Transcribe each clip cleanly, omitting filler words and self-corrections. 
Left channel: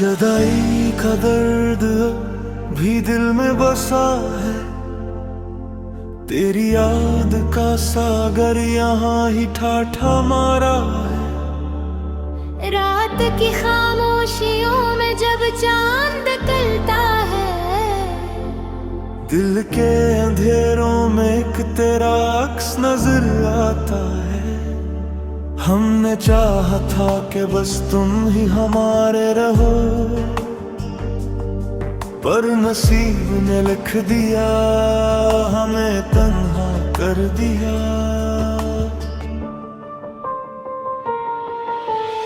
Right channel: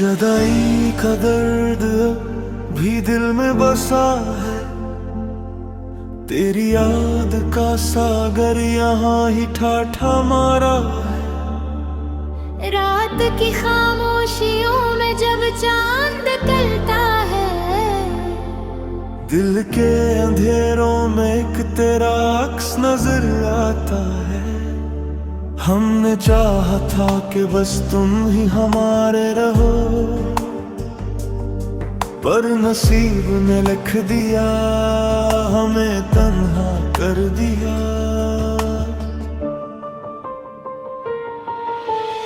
जुदाई का दर्द भी दिल में बसा है, तेरी याद का सागर यहाँ ही ठाठा मारा है। रात की खामोशियों में जब चांद निकलता है, दिल के अंधेरों में एक तेरा अक्स नजर आता है। हमने चाहा था कि बस तुम ही हमारे रहो, पर नसीब ने लिख दिया हमें तन्हा कर दिया।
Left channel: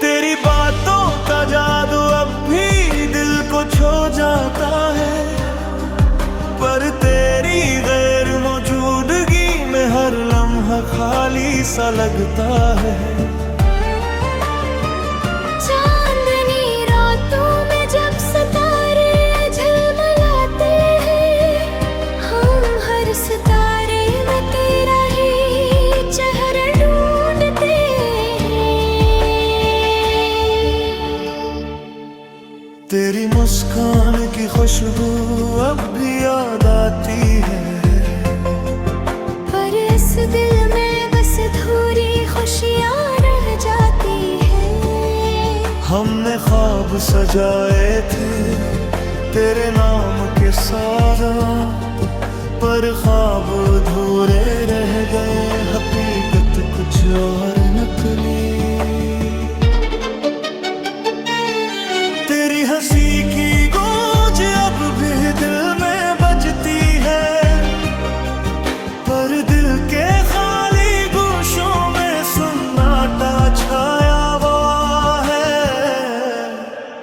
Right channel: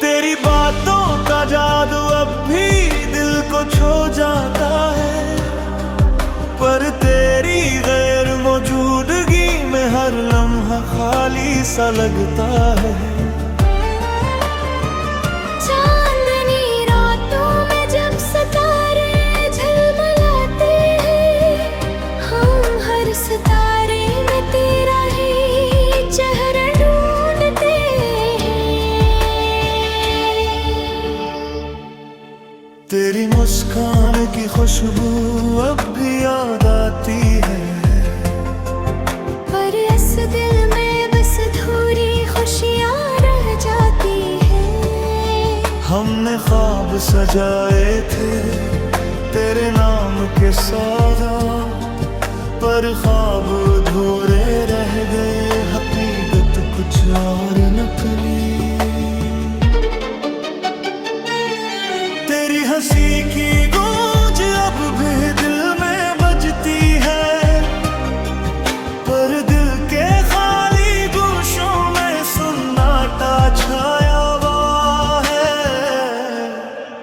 तेरी बातों का जादू अब भी दिल को छू जाता है, पर तेरी गैर मौजूदगी में हर लम्हा खाली सा लगता है। चांदनी रातों में जब सितारे झलमलाते हैं, हम हर सितारे में तेरा ही चेहरा ढूंढते हैं। तेरी मुस्कान की खुशबू अब भी याद आती है, पर इस दिल में बस अधूरी खुशियाँ रह जाती हैं। हमने ख्वाब सजाए थे तेरे नाम के सारा, पर ख्वाब अधूरे रह गए, हकीकत कुछ और नकली। तेरी हंसी की गूंज अब भी दिल में बजती है, पर दिल के खाली गोशों में सन्नाटा छाया हुआ है।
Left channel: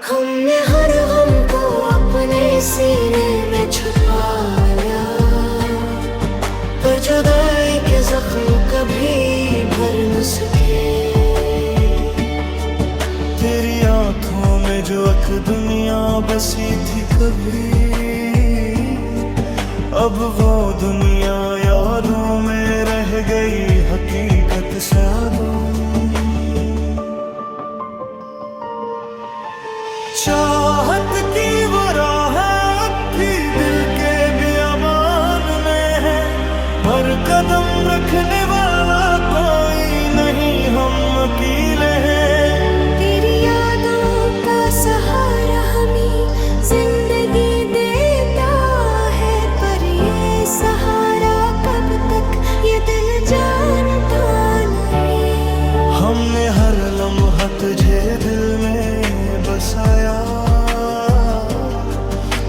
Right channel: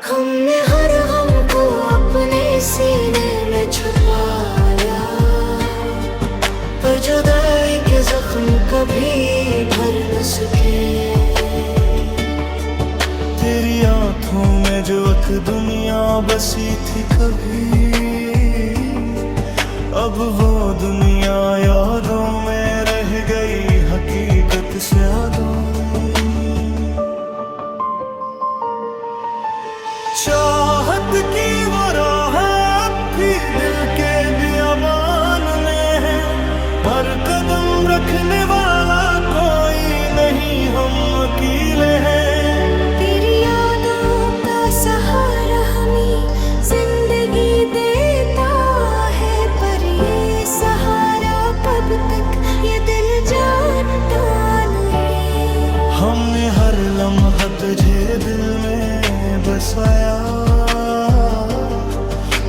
हमने हर गम को अपने सीने में छुपा लिया, पर जुदाई के जख्म कभी भर न सके। तेरी आंखों में जो अक दुनिया बसी थी कभी, अब वो दुनिया यादों में रह गई, हकीकत से यादों में। चाहत की वो राह अब भी दिल के बियाबान में है, पर कदम रखने वाला कोई नहीं, हम अकेले हैं। तेरी यादों का सहारा हमें जिंदगी देता है, पर ये सहारा कब तक ये दिल जानता नहीं। हमने हर लम्हा तुझे दिल में बसाया,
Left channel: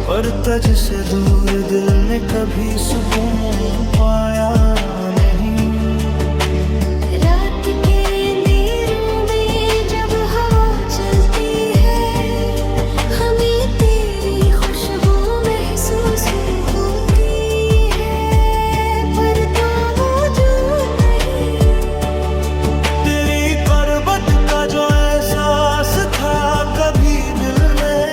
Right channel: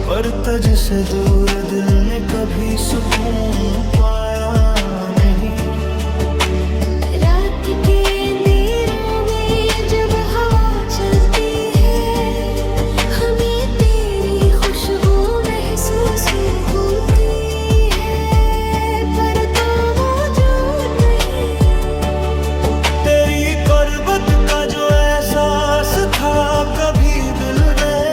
पर तुझ से दूर दिल ने कभी सुकून पाया नहीं। रात के अंधेरों में जब हवा चलती है, हमें तेरी खुशबू महसूस होती है, पर तो मौजूद नहीं। तेरी कर्बत का जो एहसास था कभी दिल में,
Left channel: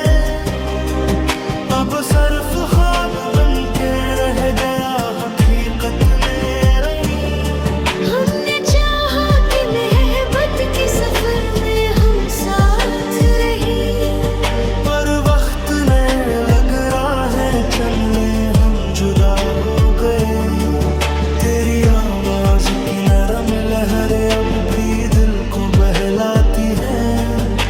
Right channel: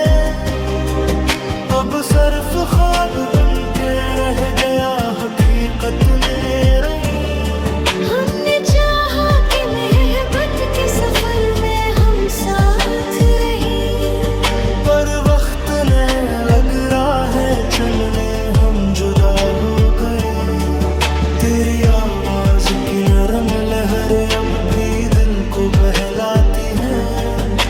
अब सिर्फ ख्वाब बन के रह गया, हकीकत में रही। हमने चाहा कि मोहब्बत के सफर में हम साथ रही, पर वक्त ने लग राहें चलने हम जुदा हो गए। तेरी आवाज की नरम लहरें अब भी दिल को बहलाती है,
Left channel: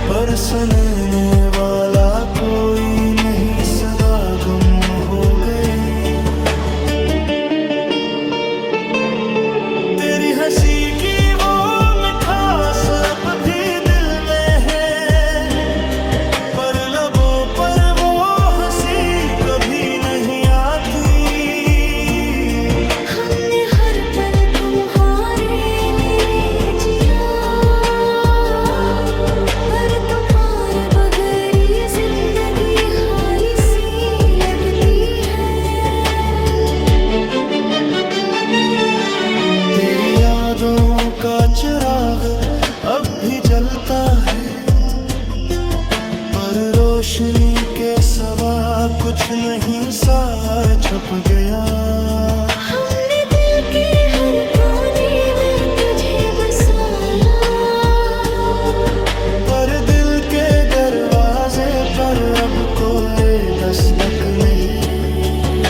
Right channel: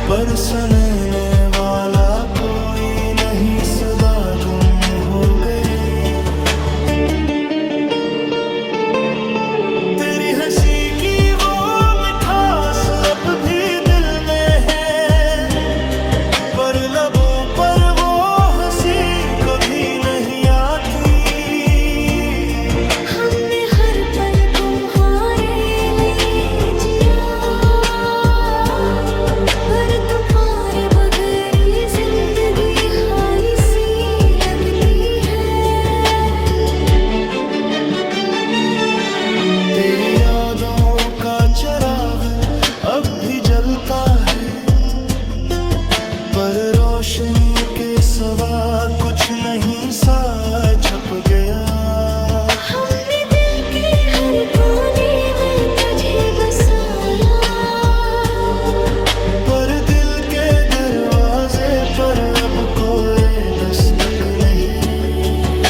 पर सुनने वाला कोई नहीं, सदा गुम हो गई। तेरी हंसी की वो मिठास अब भी दिल में है, पर लबों पर वो हंसी कभी नहीं आती। हमने हर पल तुम्हारे लिए जिया, पर तुम्हारे बगैर ये जिंदगी खाली सी लगती है। तेरी यादों का चिराग अब भी जलता है, पर रोशनी के सिवा कुछ नहीं सा छप गया। हमने दिल के हर कोने में तुझे बसाया, पर दिल के दरवाजे पर कोरे दस्तक नहीं।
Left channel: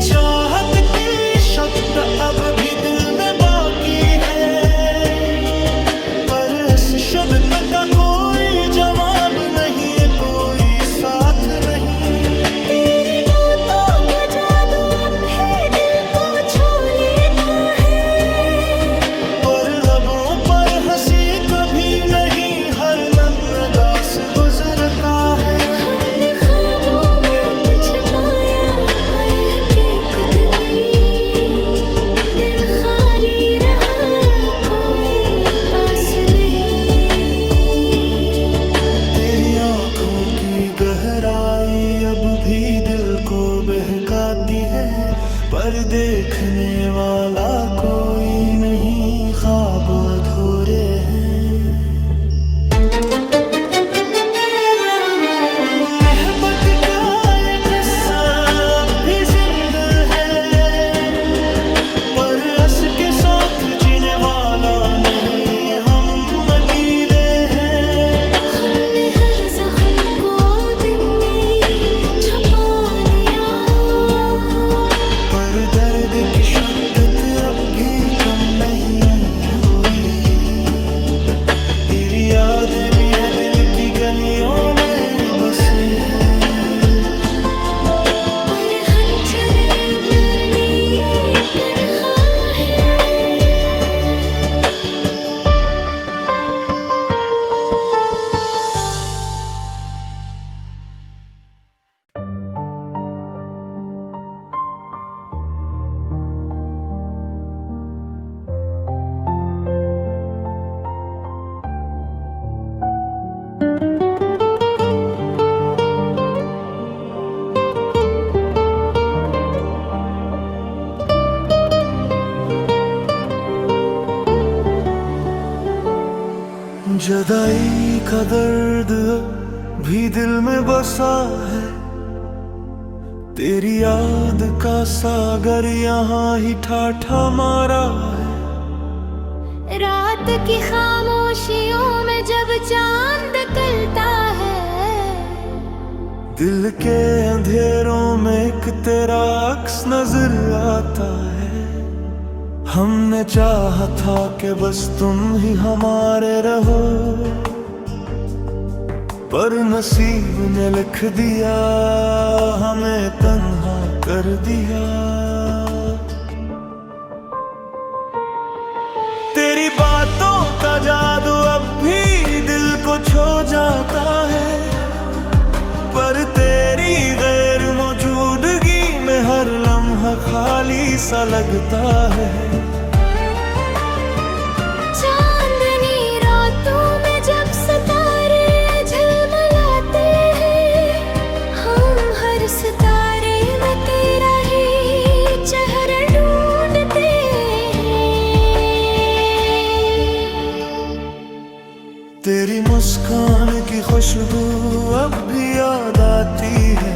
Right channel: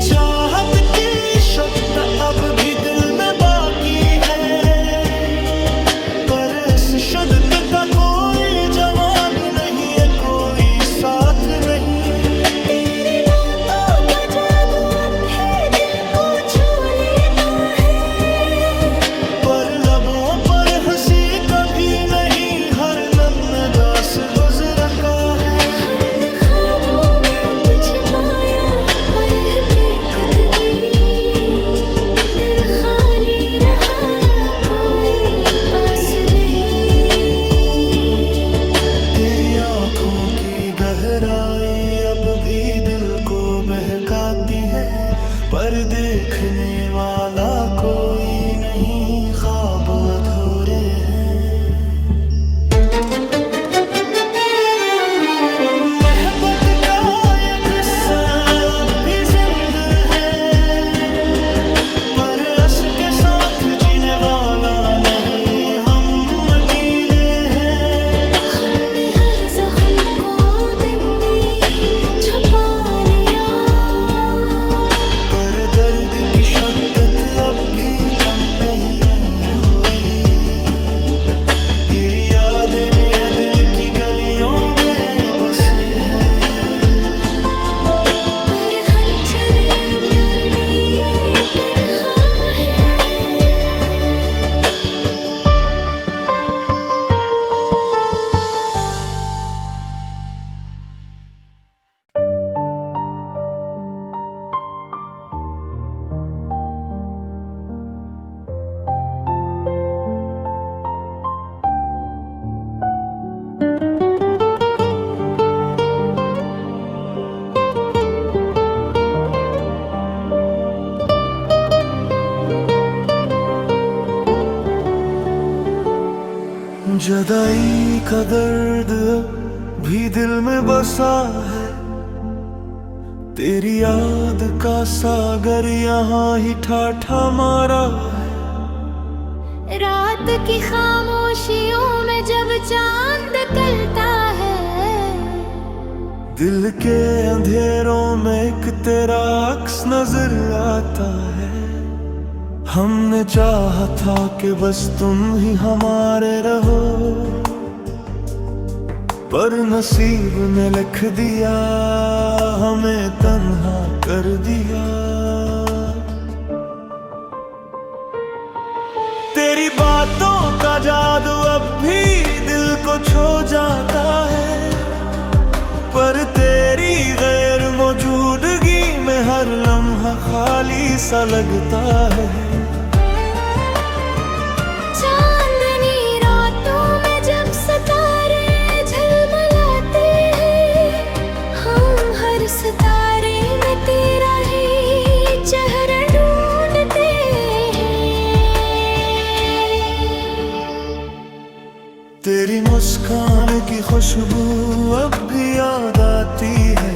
चाहत की शक्त अब भी दिल में बाकी है, पर इस शब्द का कोई जवाब नहीं है, कोई साथ नहीं। तेरी बातों का जादू अब भी दिल को छू लेता है, पर लबों पर हंसी कभी नहीं, हर नन्दास गुजर का है। हमने ख्वाबों में तुझ पाया पर बेकतनी, दिल खाली रहा कोई पास नहीं। तेरी आँखों की गहराई अब भी दिल को बहकाती है, पर देखने वाला कोई नहीं, ख्वाब अधूरे हैं। मोहब्बत का ये किस्सा भी जिंदा है, पर इसके साथ जीने वाला नहीं, हम अकेले हैं। हमने हर जख्म को दिल में छुपा लिया, पर दर्द की शिद्दत अब भी कम नहीं हुई। तेरी यादें मेरे दिल की गलियों में बसी है, पर हम चरे मरने पर ख्वाह है। जुदाई का दर्द भी दिल में बसा है, तेरी याद का सागर यहाँ ही ठाठा मारा है। रात की खामोशियों में जब चांद निकलता है, दिल के अंधेरों में एक तेरा अक्स नजर आता है। हमने चाहा था कि बस तुम ही हमारे रहो, पर नसीब ने लिख दिया हमें तन्हा कर दिया। तेरी बातों का जादू अब भी दिल को छू जाता है, पर तेरी गैर मौजूदगी में हर लम्हा खाली सा लगता है। चांदनी रातों में जब सितारे झलमलाते हैं, हम हर सितारे में तेरा ही चेहरा ढूंढते हैं। तेरी मुस्कान की खुशबू अब भी याद आती है,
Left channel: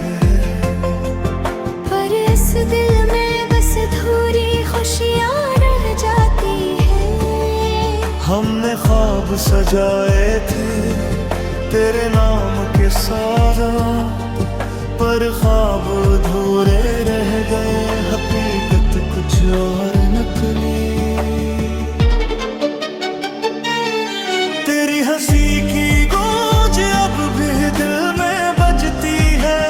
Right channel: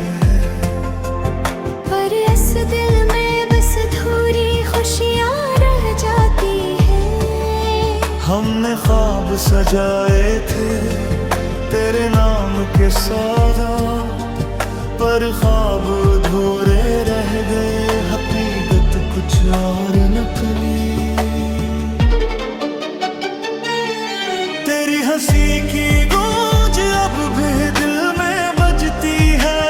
पर इस दिल में बस अधूरी खुशियाँ रह जाती है। हमने ख्वाब सजाए थे तेरे नाम के सारा, पर ख्वाब अधूरे रह गए, हकीकत कुछ और नकली। तेरी हंसी की गूंज अब भी दिल में बजती है,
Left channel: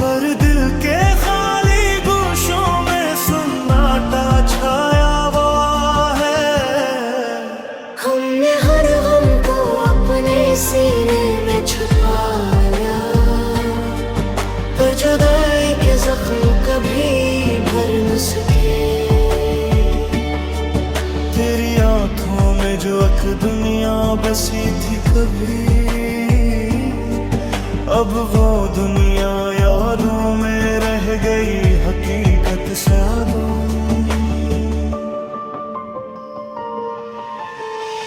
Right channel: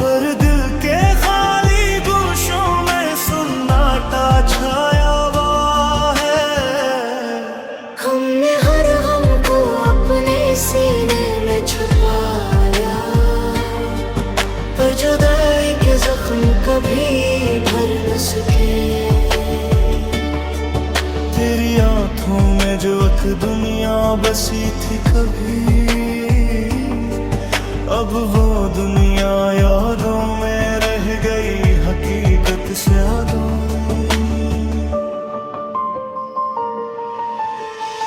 पर दिल के खाली गोशों में सन्नाटा छाया हुआ है। हमने हर गम को अपने सीने में छुपा लिया, पर जुदाई के जख्म कभी भर न सके। तेरी आंखों में जो एक दुनिया बसी थी कभी, अब वो दुनिया यादों में रह गई, हकीकत से यादों में।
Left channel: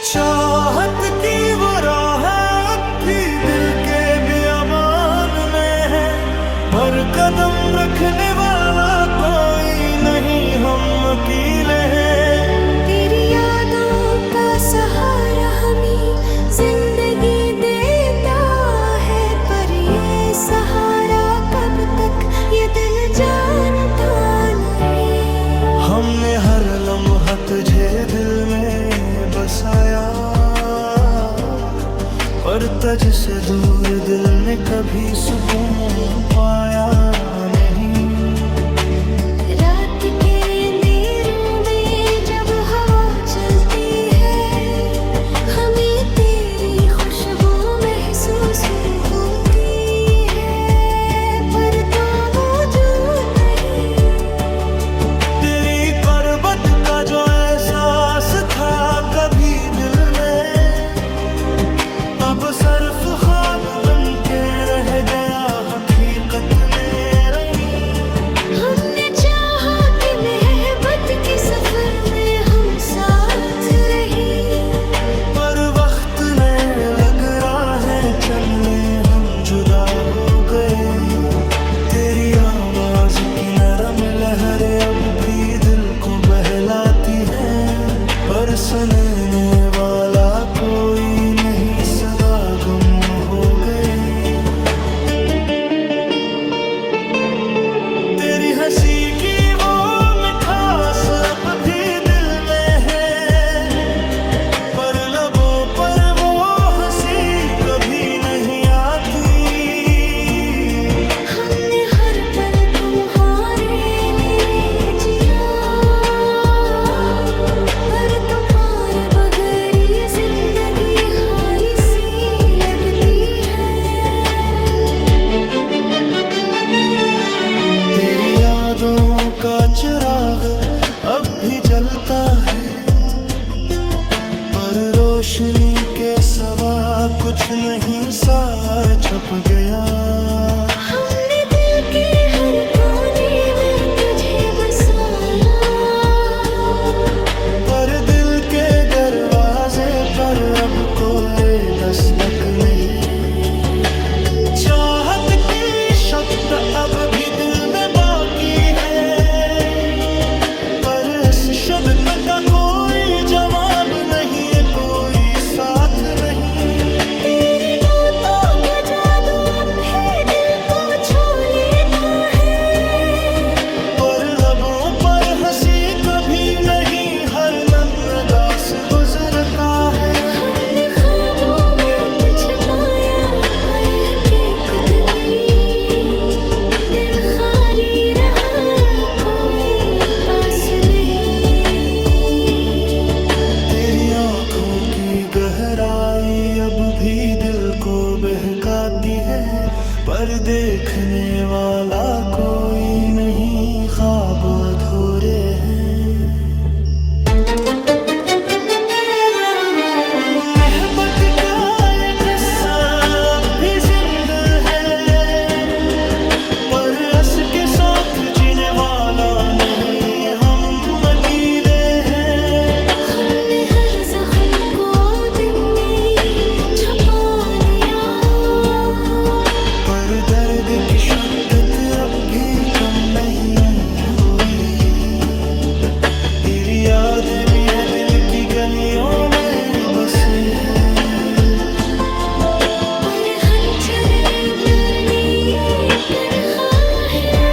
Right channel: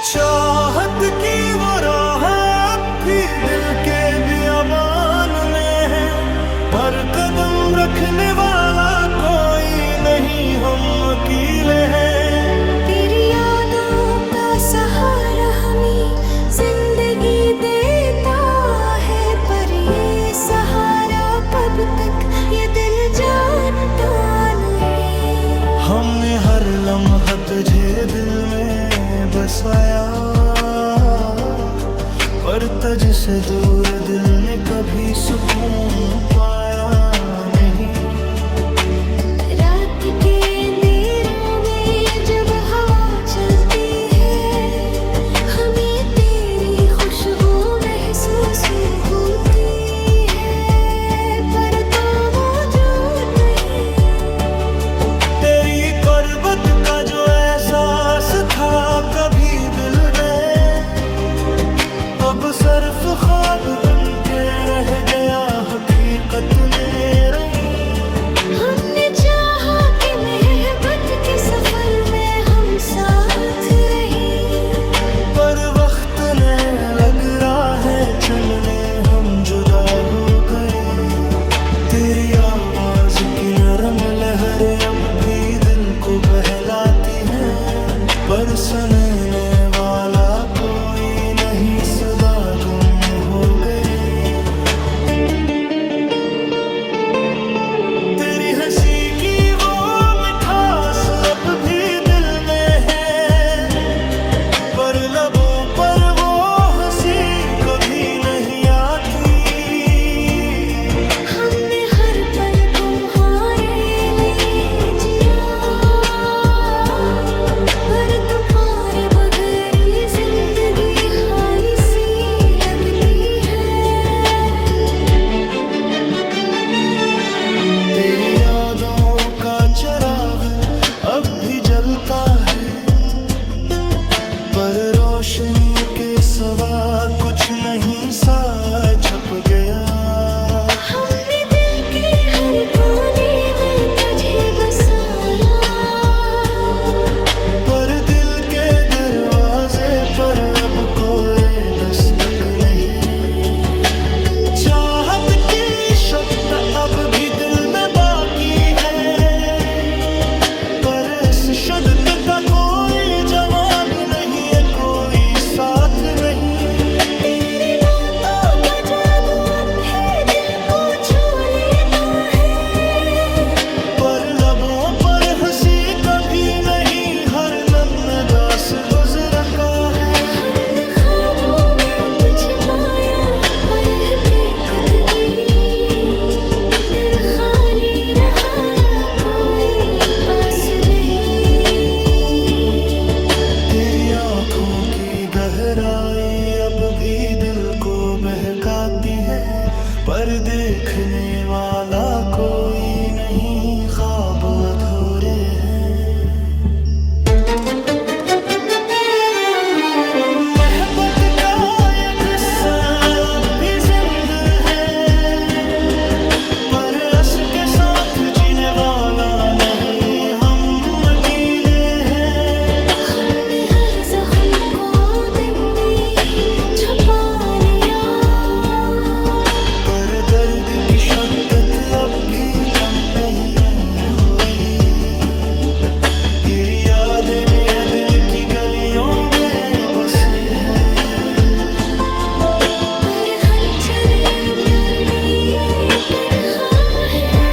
चाहत की वो राह भी दिल के बियाबान में है, पर कदम रखने वाला कोई नहीं, हम अकेले हैं। तेरी यादों का सहारा हमें जिंदगी देता है, पर ये दिल जानता नहीं। हमने हर लम्हा तुझे दिल में बसाया, पर तुझसे दूर दिल ने कभी सुकून पाया नहीं। रात के अंधेरों में जब हवा चलती है, हमें तेरी खुशबू महसूस होती है, पर तू मौजूद नहीं। तेरी कुर्बत का जो एहसास था कभी दिल में, अब सिर्फ ख्वाब बन के रह गया हकीकत में रही। हमने चाहा कि मोहब्बत के सफर में हम साथ रही, पर वक्त ने लग राहें चन ले हम जुदा हो गए। तेरी आवाज की नरम लहरें अब भी दिल को बहलाती है, पर सुनने वाला कोई नहीं, सदा गुम हो गई। तेरी हंसी की वो मिठास अब भी दिल में है, पर लबों पर वो हंसी कभी नहीं आती। हमने हर पल तुम्हारे लिए जिया, पर तुम्हारे बगैर ये जिंदगी खाली सी लगती है। तेरी यादों का चिराग अब भी जलता है, पर रोशनी के सिवा कुछ नहीं सा छप गया। हमने दिल के हर कोने में तुझे बसाया, पर दिल के दरवाजे पर अब कोरे दस्तक नहीं। चाहत की शक्त अब भी दिल में बाकी है, पर इस शिद्दत का कोई जवाब नहीं है, कोई साथ नहीं। तेरी बातों का जादू अब भी दिल को छू लेता है, पर लबों पर हंसी कभी नहीं, हर नन्दास गुजर का है। हमने ख्वाबों में तुझे पाया, पर बेकुतनी दिल खाली रहा, कोई पास नहीं। तेरी आँखों की गहराई अब भी दिल को बहकाती है, पर देखने वाला कोई नहीं, ख्वाब अधूरे हैं। मोहब्बत का ये किस्सा अब भी जिंदा है, पर इसके साथ जीने वाला नहीं, हम अकेले हैं। हमने हर जख्म को दिल में छुपा लिया, पर दर्द की शिद्दत अब भी कम नहीं हुई। तेरी यादें मेरे दिल की गलियों में बसी है, पर हम चले मरने पर हाँ है।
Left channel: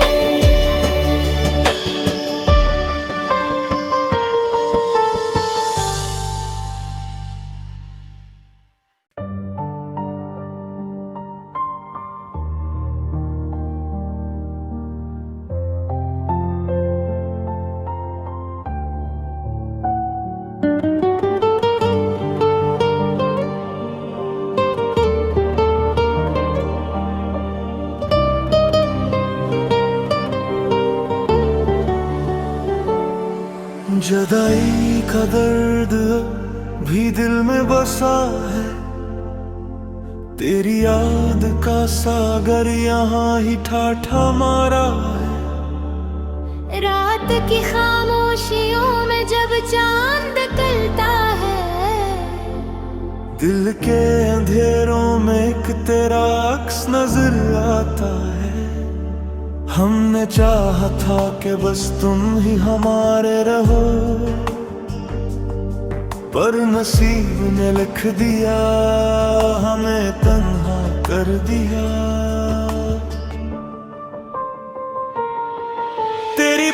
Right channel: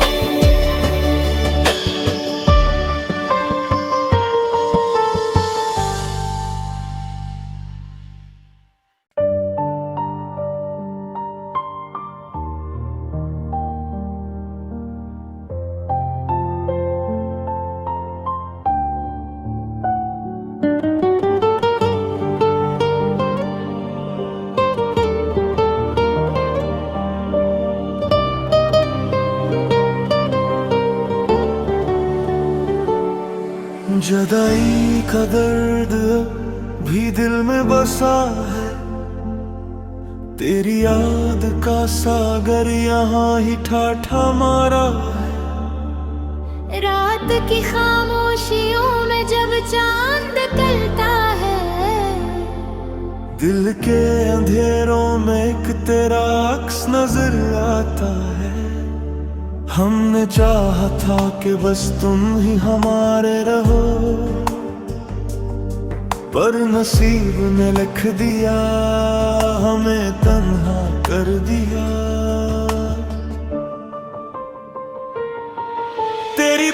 जुदाई का दर्द भी दिल में बसा है, तेरी याद का सागर यहाँ ही ठाठा मारा है। रात की खामोशियों में जब चांद निकलता है, दिल के अंधेरों में एक तेरा अक्स नजर आता है। हमने चाहा था कि बस तुम ही हमारे रहो, पर नसीब ने लिख दिया हमें तन्हा कर दिया।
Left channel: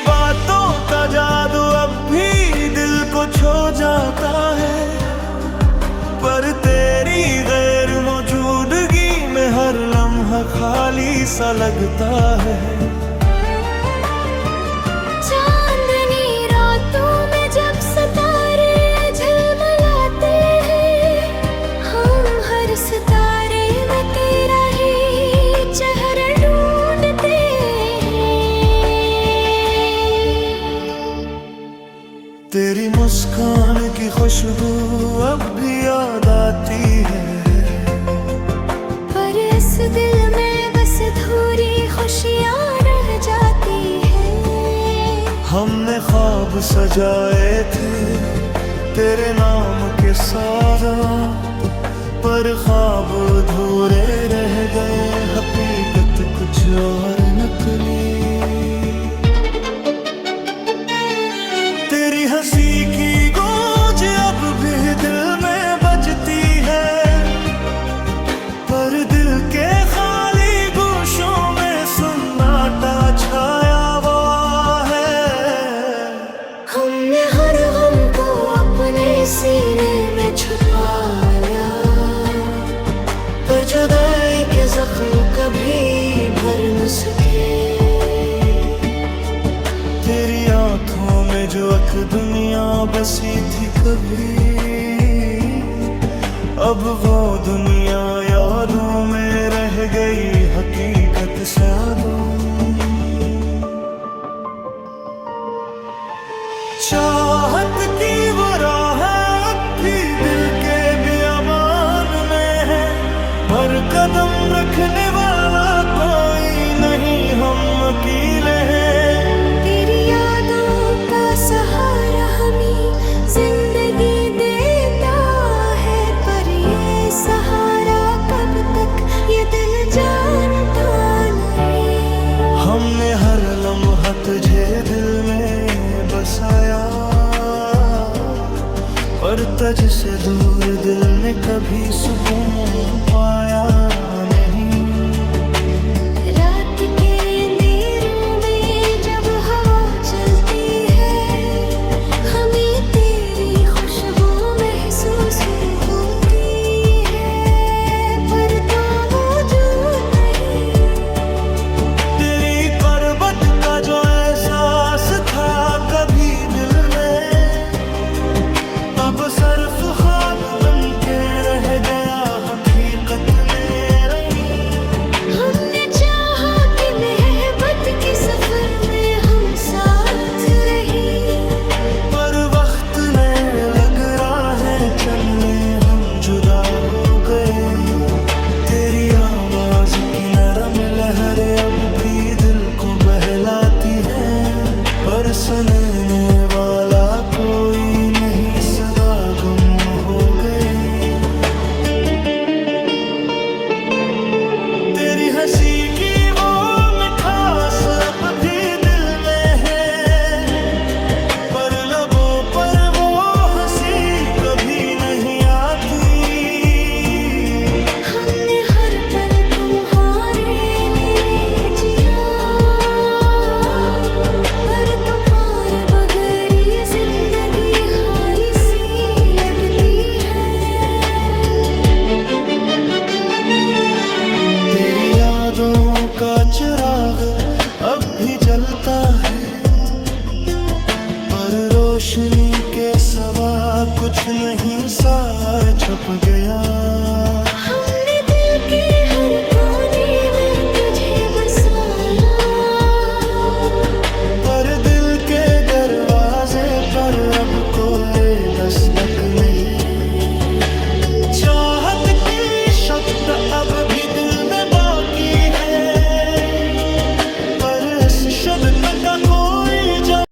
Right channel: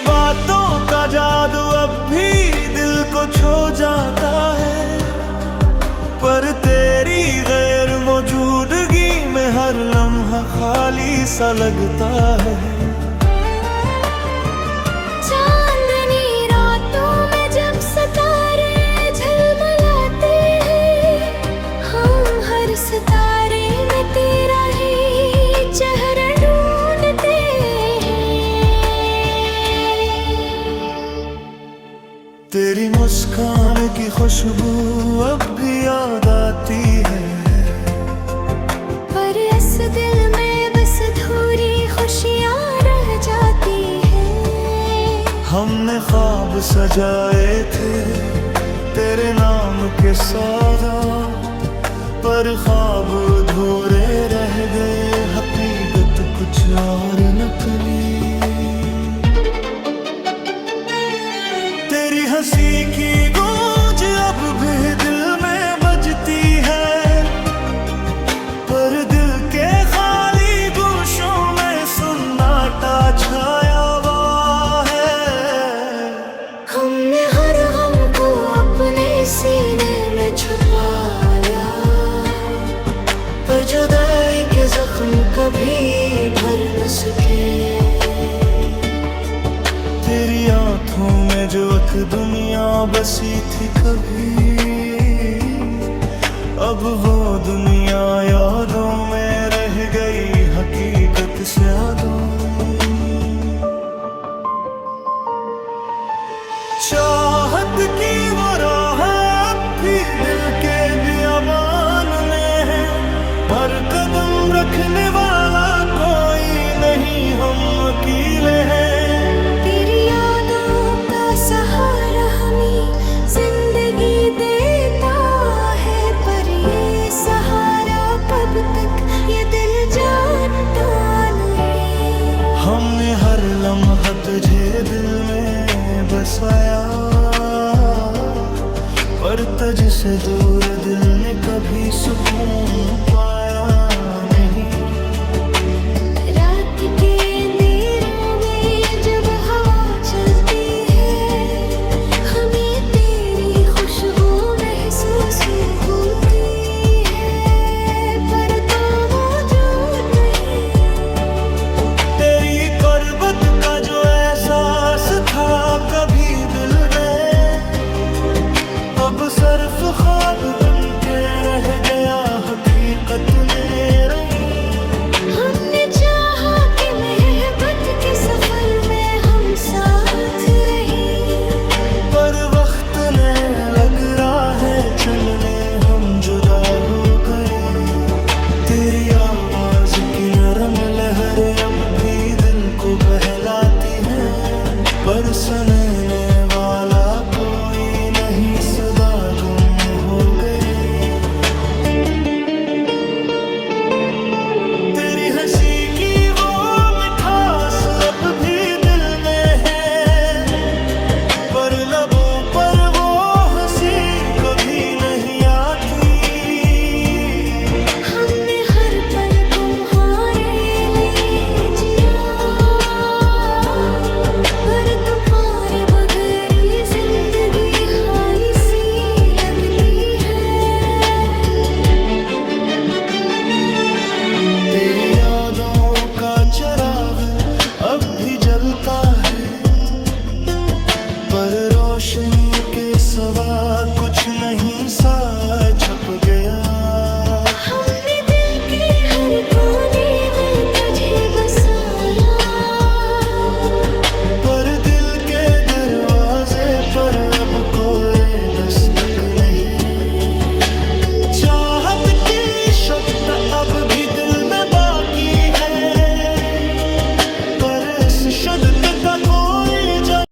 बातों का जादू अब भी दिल को छू जाता है, पर तेरी गैर मौजूदगी में हर लम्हा खाली सा लगता है। चांदनी रातों में जब सितारे झलमलाते हैं, हम हर सितारे में तेरा ही चेहरा ढूंढते हैं। तेरी मुस्कान की खुशबू अब भी याद आती है, पर इस दिल में बस अधूरी खुशियाँ रह जाती हैं। हमने ख्वाब सजाए थे तेरे नाम के सारा, पर ख्वाब अधूरे रह गए, हकीकत कुछ और नकली। तेरी हंसी की गूंज अब भी दिल में बजती है, पर दिल के खाली गोशों में सन्नाटा छाया हुआ है। हमने हर गम को अपने सीने में छुपाया, पर जुदाई के जख्म कभी भर न सके। तेरी आंखों में जो अक दुनिया बसी थी कभी, अब वो दुनिया यादों में रह गई, हकीकत से यादों में। चाहत की वो राह भी दिल के बियाबान में है, पर कदम रखने वाला कोई नहीं, हम अकेले हैं। तेरी यादों का सहारा हमें जिंदगी देता है, पर ये सहारा कब तक ये दिल जानता नहीं। हमने हर लम्हा तुझे दिल में बसाया, पर तुझ से दूर दिल ने कभी सुकून पाया नहीं। रात के अंधेरों में जब हवा चलती है, हमें तेरी खुशबू महसूस होती है, पर तो मौजूद नहीं। तेरी कर्बत का जो एहसास था कभी दिल में, अब सिर्फ ख्वाब बन के रह गया, हकीकत में रही। हमने चाहा कि मोहब्बत के सफर में हम साथ रही, पर वक्त ने लग राहें चलने हम जुदा हो गए। तेरी आवाज की नरम लहरें अब भी दिल को बहलाती है, पर सुनने वाला कोई नहीं, सदा गुम हो गई। तेरी हंसी की वो मिठास अब भी दिल में है, पर लबों पर वो हंसी कभी नहीं आती। हमने हर पल तुम्हारे लिए जिया, पर तुम्हारे बगैर ये जिंदगी खाली सी लगती है। तेरी यादों का चिराग अब भी जलता है, पर रोशनी के सिवा कुछ नहीं सा छप गया। हमने दिल के हर कोने में तुझे बसाया, पर दिल के दरवाजे पर अब कोरे दस्तक नहीं। चाहत की शक्त अब भी दिल में बाकी है, पर इस शब्द का कोई